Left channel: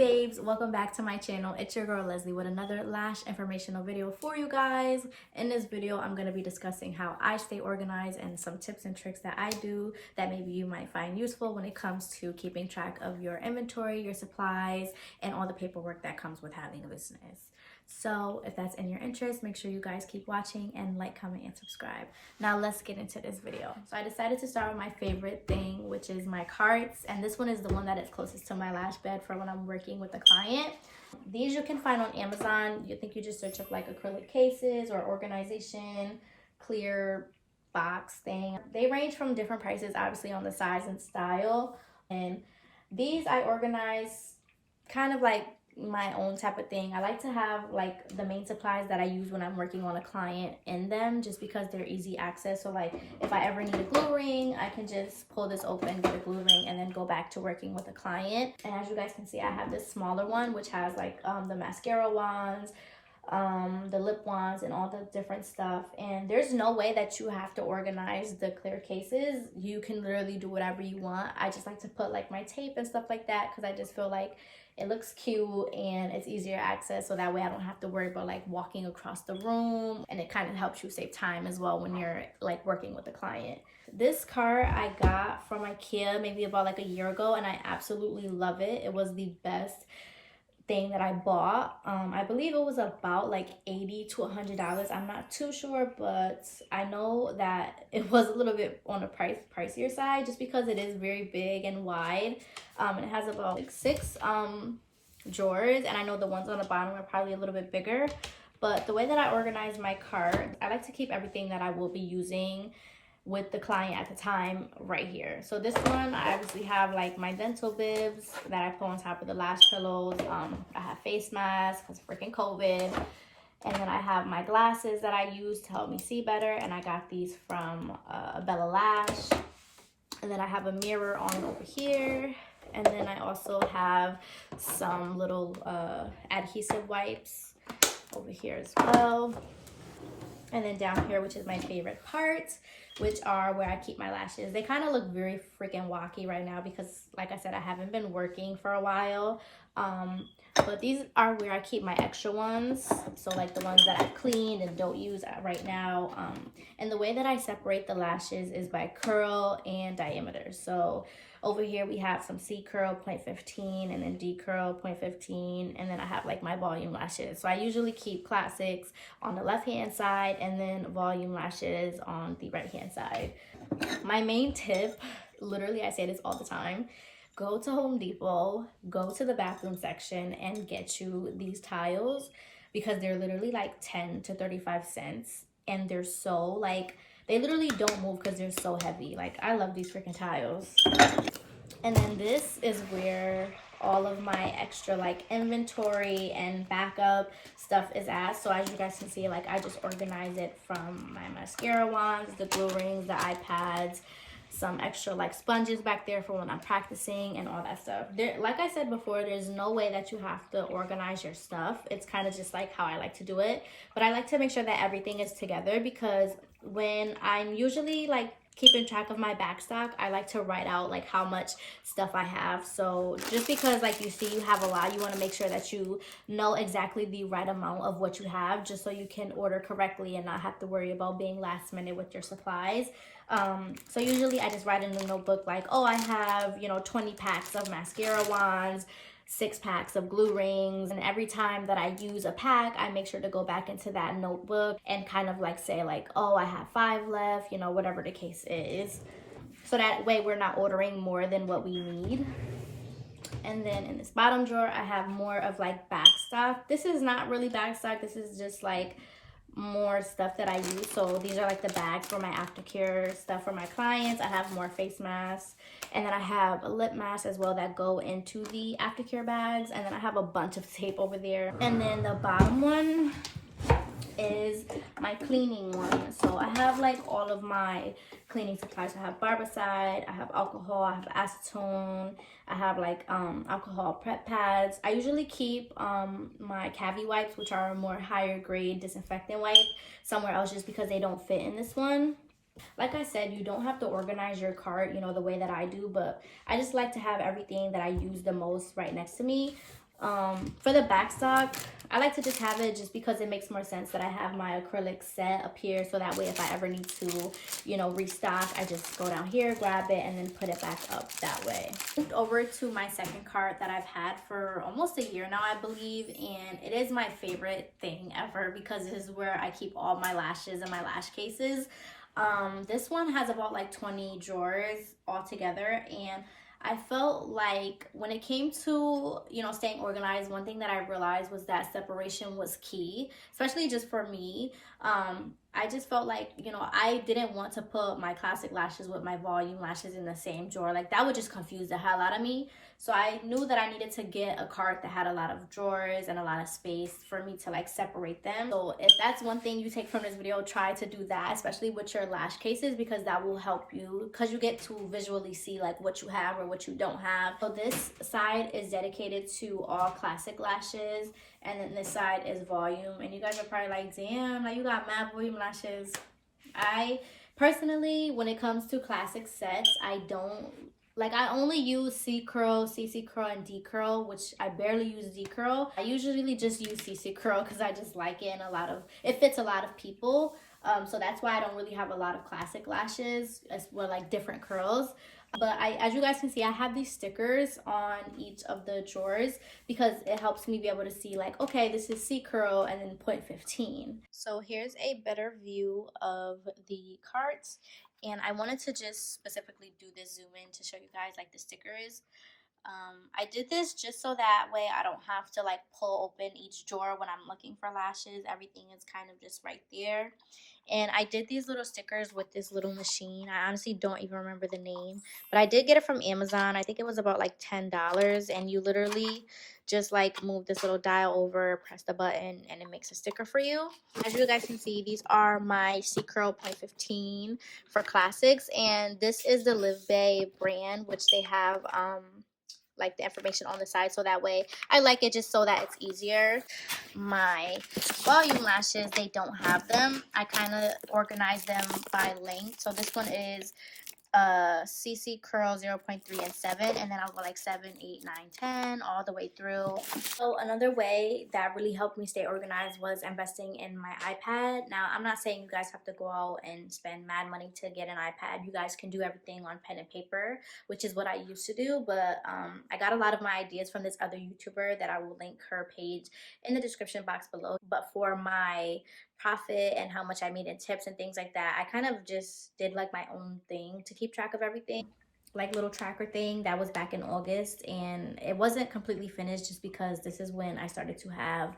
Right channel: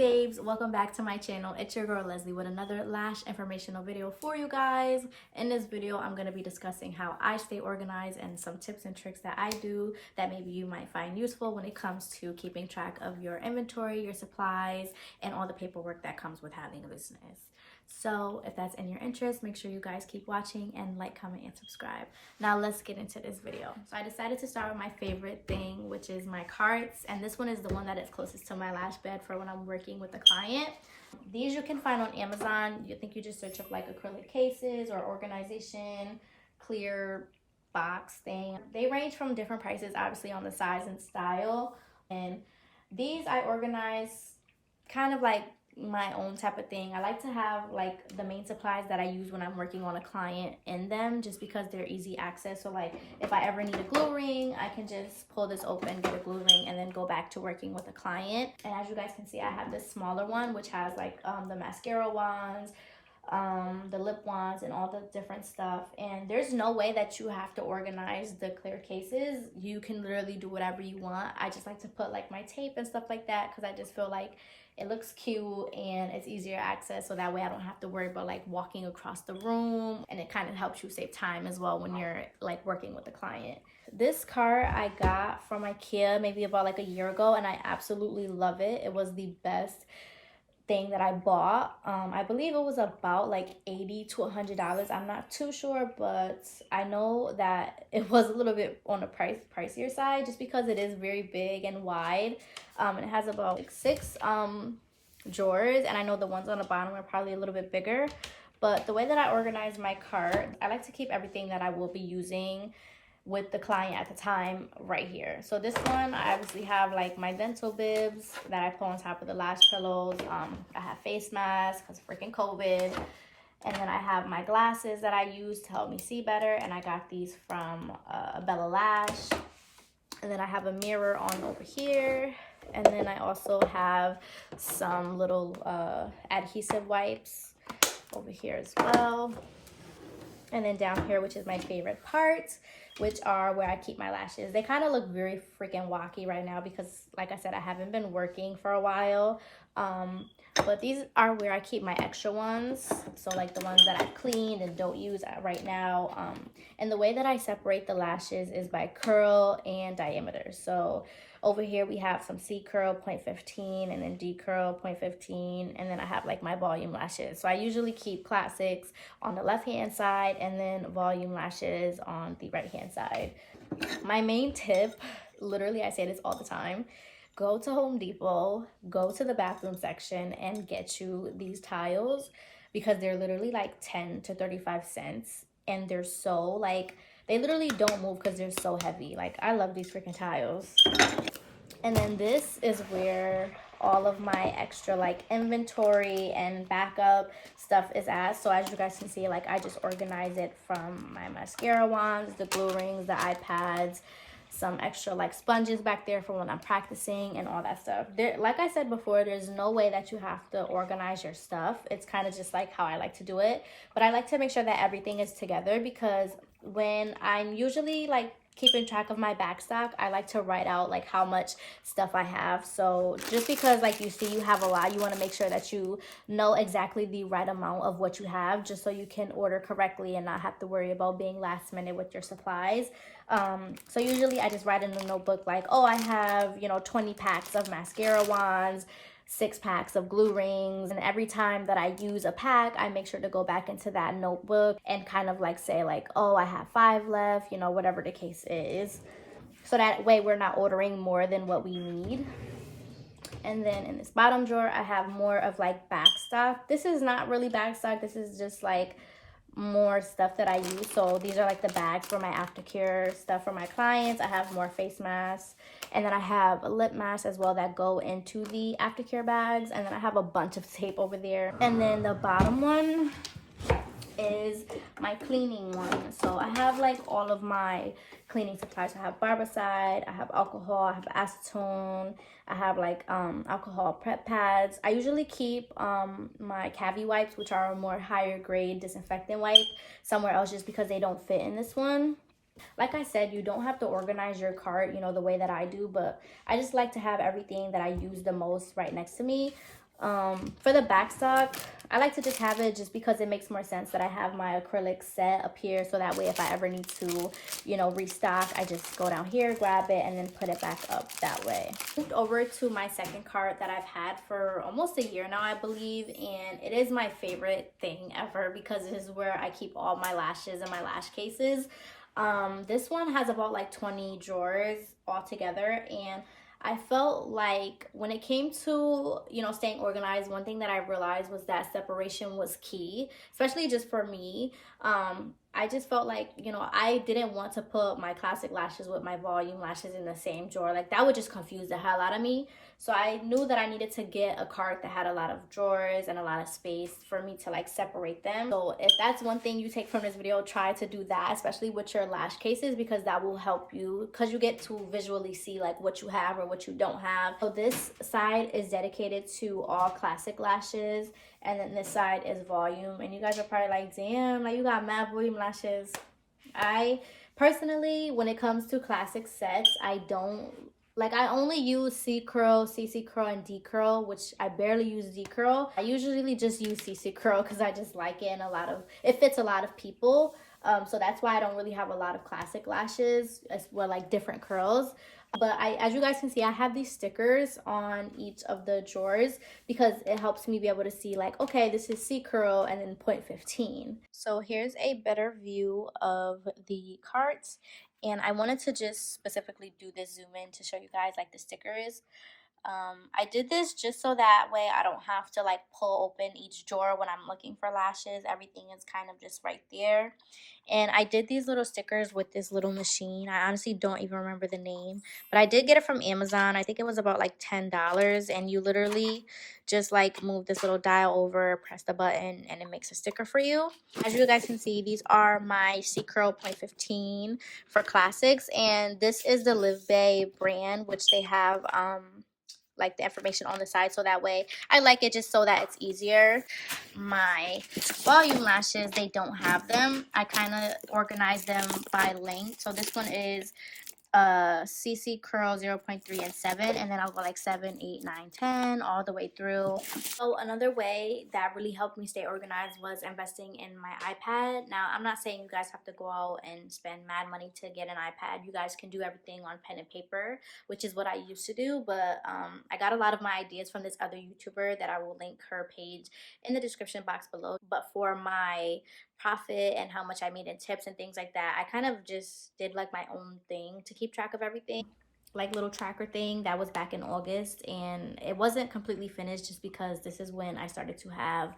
babes, welcome back to my channel. It's your girl Leslie with another lash informational video for you guys. In this video I'm going to be discussing how I stay organized and some tips and tricks that I do that maybe you might find useful when it comes to keeping track of your inventory, your supplies, and all the paperwork that comes with having a business. So if that's in your interest, make sure you guys keep watching and like, comment, and subscribe. Now let's get into this video. So I decided to start with my favorite thing, which is my carts. And this one is the one that is closest to my lash bed for when I'm working with a client. These you can find on Amazon. You think you just search up like acrylic cases or organization, clear box thing. They range from different prices, obviously on the size and style. And these I organize kind of like my own type of thing. I like to have like the main supplies that I use when I'm working on a client in them, just because they're easy access. So like if I ever need a glue ring, I can just pull this open, get a glue ring, and then go back to working with a client. And as you guys can see, I have this smaller one which has like the mascara wands, the lip wands, and all the different stuff. And there's no way that you have to organize the clear cases. You can literally do whatever you want. I just like to put like my tape and stuff like that because I just feel like it looks cute and it's easier access, so that way I don't have to worry about like walking across the room, and it kind of helps you save time as well when you're like working with a client. This cart I got from IKEA maybe about like a year ago, and I absolutely love it. It was the best thing that I bought. I believe it was about like $80 to $100. I'm not too sure, but I know that it was a little bit on the pricier side just because it is very big and wide. And it has about like 6 drawers, and I know the ones on the bottom are probably a little bit bigger. But the way that I organize my cart, I like to keep everything that I will be using with the client at the time right here. So this one, I obviously have like my dental bibs that I put on top of the lash pillows. I have face masks because freaking COVID. And then I have my glasses that I use to help me see better, and I got these from Bella Lash. And then I have a mirror on over here. And then I also have some little adhesive wipes over here as well. And then down here, which is my favorite part, which are where I keep my lashes. They kind of look very freaking wacky right now because, like I said, I haven't been working for a while. But these are where I keep my extra ones. So like the ones that I cleaned and don't use right now. And the way that I separate the lashes is by curl and diameter. So over here we have some C curl 0.15 and then D curl 0.15, and then I have like my volume lashes. So I usually keep classics on the left hand side and then volume lashes on the right hand side. My main tip, literally I say this all the time, go to Home Depot, go to the bathroom section and get you these tiles, because they're literally like 10 to 35 cents, and they're so like, they literally don't move because they're so heavy. Like, I love these freaking tiles. And then this is where all of my extra like inventory and backup stuff is at. So as you guys can see, like I just organize it from my mascara wands, the glue rings, the iPads, some extra like sponges back there for when I'm practicing and all that stuff. There, like I said before, there's no way that you have to organize your stuff. It's kind of just like how I like to do it. But I like to make sure that everything is together, because when I'm usually like keeping track of my backstock, I like to write out like how much stuff I have. So just because like you see you have a lot, you want to make sure that you know exactly the right amount of what you have, just so you can order correctly and not have to worry about being last minute with your supplies. So usually I just write in a notebook like, oh, I have, you know, 20 packs of mascara wands, 6 packs of glue rings, and every time that I use a pack, I make sure to go back into that notebook and kind of like say like, oh, I have 5 left, you know, whatever the case is. So that way we're not ordering more than what we need. And then in this bottom drawer, I have more of like BackStock. This is not really BackStock. This is just like more stuff that I use. So these are like the bags for my aftercare stuff for my clients. I have more face masks, and then I have a lip mask as well that go into the aftercare bags, and then I have a bunch of tape over there. And then the bottom one is my cleaning one. So I have like all of my cleaning supplies. I have barbicide, I have alcohol, I have acetone, I have like alcohol prep pads. I usually keep my cavity wipes, which are a more higher grade disinfectant wipe, somewhere else just because they don't fit in this one. Like I said, you don't have to organize your cart, you know, the way that I do, but I just like to have everything that I use the most right next to me. For the backstock, I like to just have it just because it makes more sense that I have my acrylic set up here, so that way if I ever need to, you know, restock, I just go down here, grab it, and then put it back up that way. Moved over to my second cart that I've had for almost a year now, I believe, and it is my favorite thing ever because it is where I keep all my lashes and my lash cases. This one has about like 20 drawers all together, and I felt like when it came to, you know, staying organized, one thing that I realized was that separation was key, especially just for me. I just felt like, you know, I didn't want to put my classic lashes with my volume lashes in the same drawer. Like, that would just confuse the hell out of me. So I knew that I needed to get a cart that had a lot of drawers and a lot of space for me to like separate them. So if that's one thing you take from this video, try to do that, especially with your lash cases, because that will help you, because you get to visually see like what you have or what you don't have. So this side is dedicated to all classic lashes, and then this side is volume. And you guys are probably like, damn, like you got mad volume lashes. I personally, when it comes to classic sets, I only use C curl, CC curl, and D curl, which I barely use D curl. I usually just use CC curl because I just like it, and it fits a lot of people. So that's why I don't really have a lot of classic lashes as well, like different curls. But as you guys can see, I have these stickers on each of the drawers because it helps me be able to see like, okay, this is C curl and then 0.15. So here's a better view of the carts. And I wanted to just specifically do this zoom in to show you guys like the stickers. I did this just so that way I don't have to like pull open each drawer when I'm looking for lashes. Everything is kind of just right there. And I did these little stickers with this little machine. I honestly don't even remember the name, but I did get it from Amazon. I think it was about like $10, and you literally just like move this little dial over, press the button, and it makes a sticker for you. As you guys can see, these are my C Curl 0.15 for classics, and this is the Live Bay brand, which they have like the information on the side, so that way I like it just so that it's easier. My volume lashes, they don't have them. I kind of organize them by length. So this one is CC curl 0.3 and 7, and then I'll go like 7, 8, 9, 10 all the way through. So another way that really helped me stay organized was investing in my iPad. Now, I'm not saying you guys have to go out and spend mad money to get an iPad. You guys can do everything on pen and paper, which is what I used to do. But I got a lot of my ideas from this other YouTuber that I will link her page in the description box below. But for my profit and how much I made in tips and things like that, I kind of just did like my own thing to keep track of everything, like little tracker thing. That was back in August, and it wasn't completely finished just because this is when I started to have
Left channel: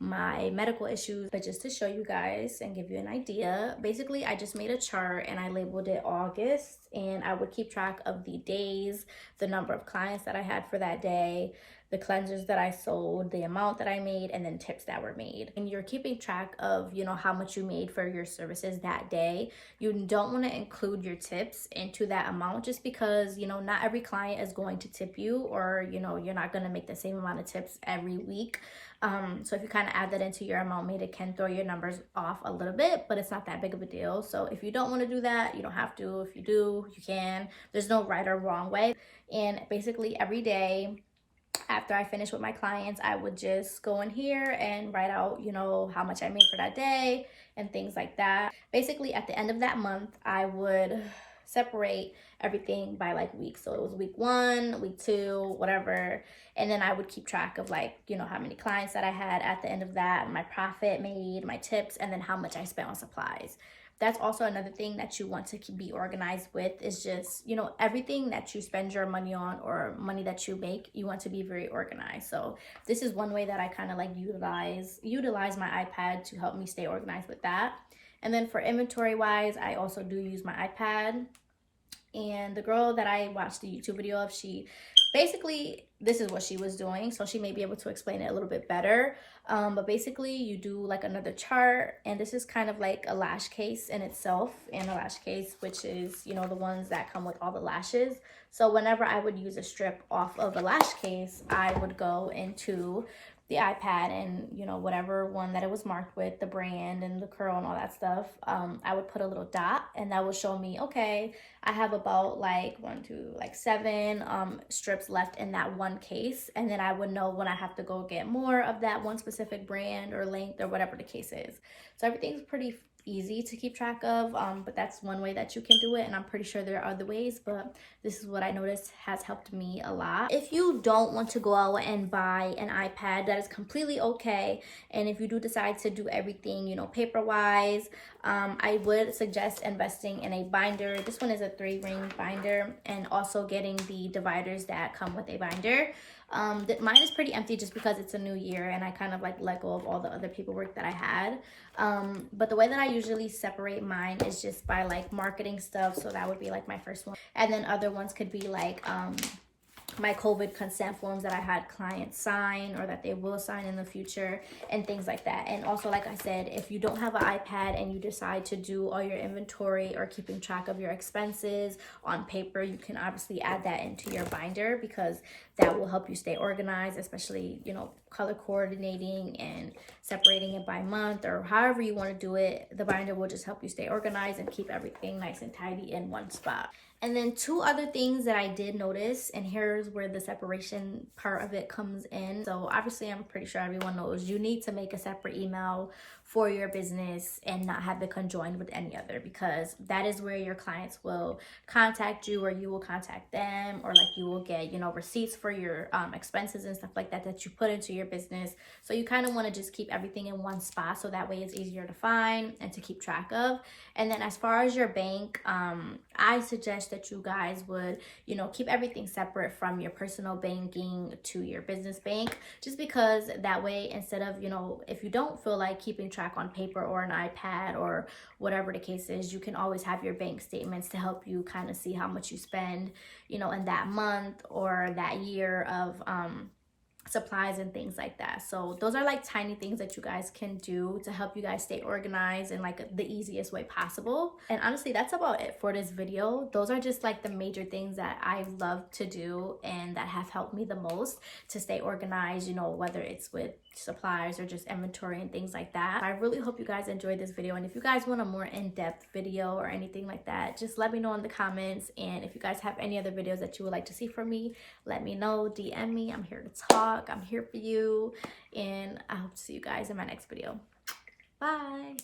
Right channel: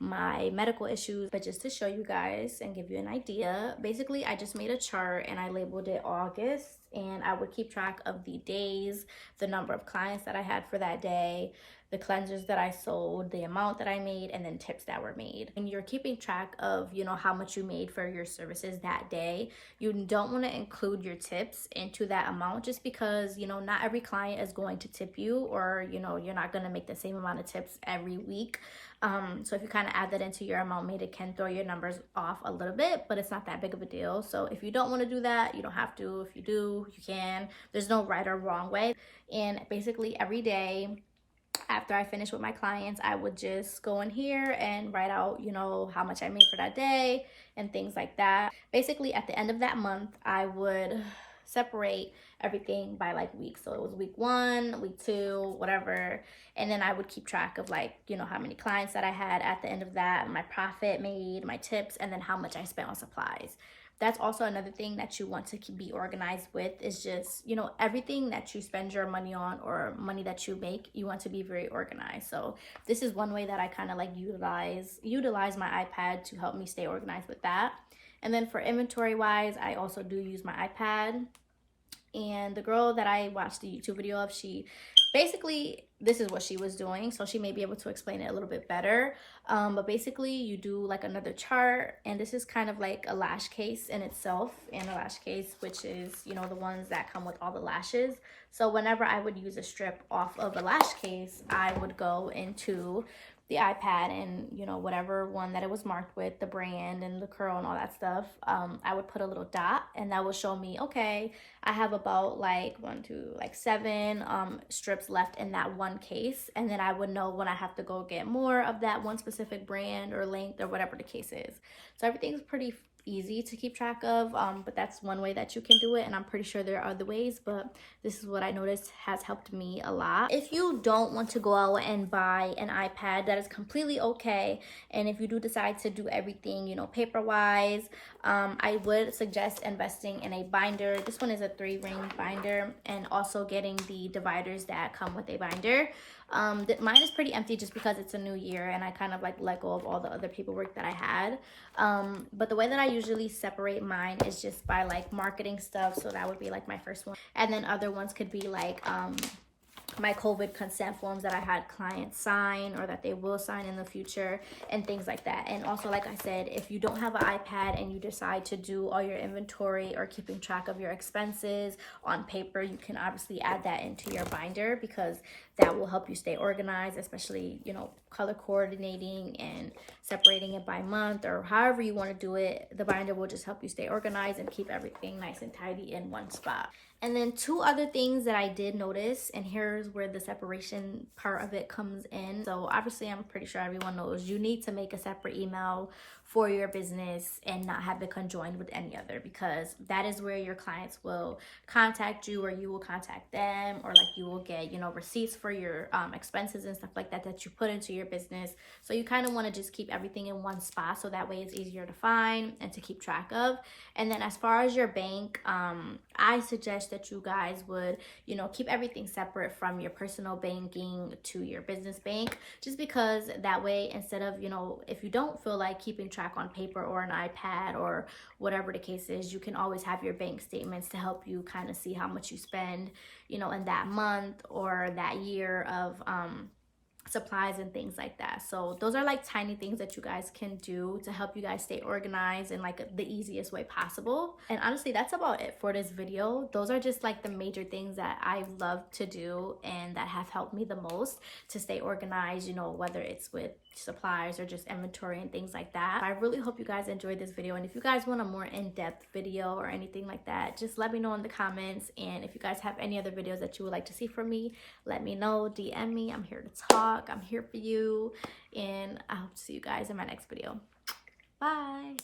my medical issues. But just to show you guys and give you an idea, basically I just made a chart and I labeled it August, and I would keep track of the days, the number of clients that I had for that day, the cleansers that I sold, the amount that I made, and then tips that were made. And you're keeping track of, you know, how much you made for your services that day. You don't want to include your tips into that amount just because, you know, not every client is going to tip you, or, you know, you're not going to make the same amount of tips every week. So if you kind of add that into your amount made, it can throw your numbers off a little bit, but it's not that big of a deal. So if you don't want to do that, you don't have to. If you do, you can. There's no right or wrong way. And basically every day after I finish with my clients, I would just go in here and write out, you know, how much I made for that day and things like that. Basically at the end of that month, I would separate everything by like weeks. So it was week 1, week 2, whatever. And then I would keep track of like, you know, how many clients that I had at the end of that, my profit made, my tips, and then how much I spent on supplies. That's also another thing that you want to be organized with, is just, you know, everything that you spend your money on or money that you make, you want to be very organized. So this is one way that I kind of like utilize my iPad to help me stay organized with that. And then for inventory wise, I also do use my iPad. And the girl that I watched the YouTube video of, she basically, this is what she was doing, so she may be able to explain it a little bit better. But basically you do like another chart, and this is kind of like a lash case in itself, and a lash case, which is, you know, the ones that come with all the lashes. So whenever I would use a strip off of a lash case, I would go into the iPad and, you know, whatever one that it was marked with, the brand and the curl and all that stuff, I would put a little dot, and that would show me, okay, I have about like 7 strips left in that one case, and then I would know when I have to go get more of that one specific brand or length or whatever the case is. So everything's pretty easy to keep track of, but that's one way that you can do it, and I'm pretty sure there are other ways, but this is what I noticed has helped me a lot. If you don't want to go out and buy an iPad, that is completely okay. And if you do decide to do everything, you know, paper wise, I would suggest investing in a binder. This one is a 3-ring binder, and also getting the dividers that come with a binder. Mine is pretty empty just because it's a new year and I kind of like let go of all the other paperwork that I had. But the way that I usually separate mine is just by like marketing stuff. So that would be like my first one. And then other ones could be like my COVID consent forms that I had clients sign or that they will sign in the future and things like that. And also, like I said, if you don't have an iPad and you decide to do all your inventory or keeping track of your expenses on paper, you can obviously add that into your binder, because that will help you stay organized, especially, you know, color coordinating and separating it by month or however you want to do it. The binder will just help you stay organized and keep everything nice and tidy in one spot. And then 2 other things that I did notice, and here's where the separation part of it comes in. So obviously, I'm pretty sure everyone knows you need to make a separate email for your business and not have it conjoined with any other, because that is where your clients will contact you, or you will contact them, or like you will get, you know, receipts for your expenses and stuff like that that you put into your business. So you kind of want to just keep everything in one spot, so that way it's easier to find and to keep track of. And then as far as your bank, I suggest that you guys would, you know, keep everything separate from your personal banking to your business bank, just because that way, instead of, you know, if you don't feel like keeping track on paper or an iPad or whatever the case is, you can always have your bank statements to help you kind of see how much you spend, you know, in that month or that year of supplies and things like that. So those are like tiny things that you guys can do to help you guys stay organized in like the easiest way possible. And honestly, that's about it for this video. Those are just like the major things that I love to do and that have helped me the most to stay organized, you know, whether it's with supplies or just inventory and things like that. I really hope you guys enjoyed this video, and if you guys want a more in-depth video or anything like that, just let me know in the comments. And if you guys have any other videos that you would like to see from me, let me know, DM me. I'm here to talk, I'm here for you, and I hope to see you guys in my next video. Bye.